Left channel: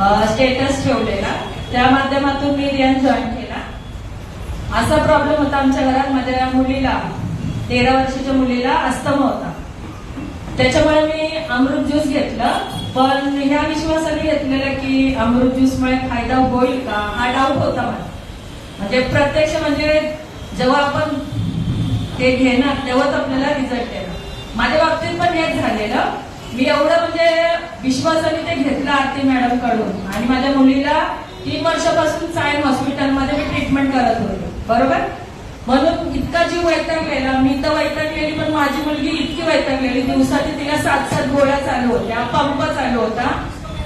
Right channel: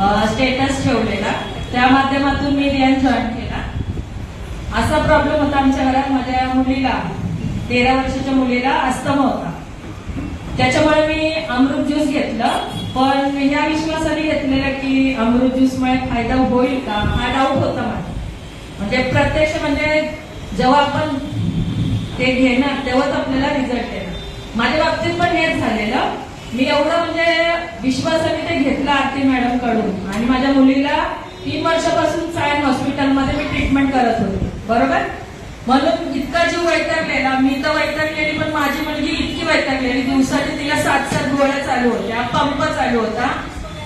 Status ठेवलेला, त्या माध्यमातून मी रियान जॉईन केला. असा प्रॉब्लेम होता आमच्या घरात. माझ्या मुलीला 13 वर्षाच्या मुलीला अस्थमा होता. त्याच्यामुळे मी अमृत ज्यूस घेतलं, पण ह्या विश्वासाने घेतलेलं की अमृत ज्यूसमुळे फायदा होईल का हा डाऊट होता मला. म्हणजे प्रत्यक्ष म्हणजे जेव्हा आपण हे घेणार तेव्हाच आपल्याला रिझल्ट येणार. माझ्या बाबतीत पण हेच झालेलं. मी एवढं म्हणजे विश्वासाने ते घेतलं आरती मॅडम कडून, आणि माझ्या मुलीला 3 वर्षापासून सायन हॉस्पिटलमध्ये मी ट्रीटमेंट करत होते. बरोबर, म्हणून इतका जीव वैतागलेला. मी तर वैतागलेली, पण माझी मुलगी इतकी वैतागलेली. दिवसाची तिला 7-7 गोळ्या चालू होत्या, पंप चालू होता.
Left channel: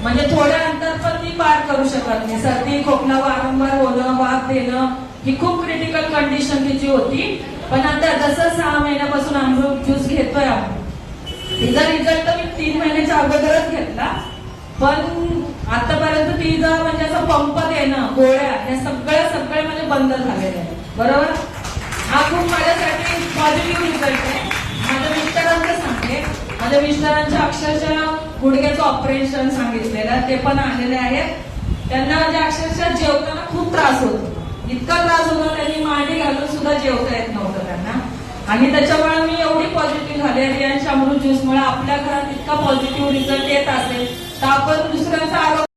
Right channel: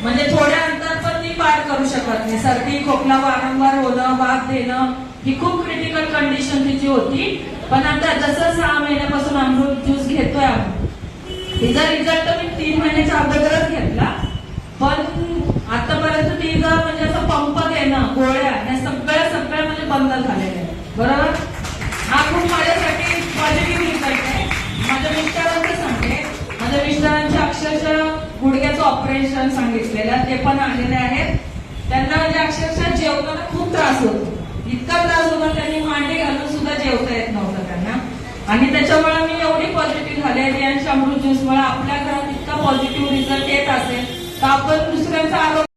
म्हणजे थोड्या अंतर पण ती पार करू शकत नाही. सर्दी खोकला वारंवार होणं, वाफ देणं, ही खूप क्रिटिकल कंडिशन तिची होती. पण आता जसं 6 महिन्यापासून अमृत ज्यूस घेतोय आम्ही, तिचा रिझल्ट मी 3 महिन्याच्या अगोदरच घेतला. पण आतापर्यंत तिचं म्हणजे असं पंप देणं, गोळ्या, हे सगळं म्हणजे बंद झालेलं आहे. बरोबर, हा खूप माझ्यासाठी पॉझिटिव्ह रिझल्ट आहे. माझ्या मिस्टरांचं सांगते, माझ्या मिस्टरांच्या अक्षरशः गुडघ्याचं ऑपरेशन सांगितलेलं, ते पण आलेले आहेत. त्यांना म्हणजे अक्षरशः जेवताना खूप त्रास होतो. इतका त्रास होता, त्यांनी मांडी घालून सुद्धा जेवता येत नव्हतं त्यांना. आणि त्याच्यामुळे मी एवढी पॉझिटिव्ह झाले. रियान अमृत ज्यूसमुळे आपल्या घरात इतका पॉझिटिव्ह रिझल्ट येत असेल तर आपण दुसऱ्यांचा आरोग्य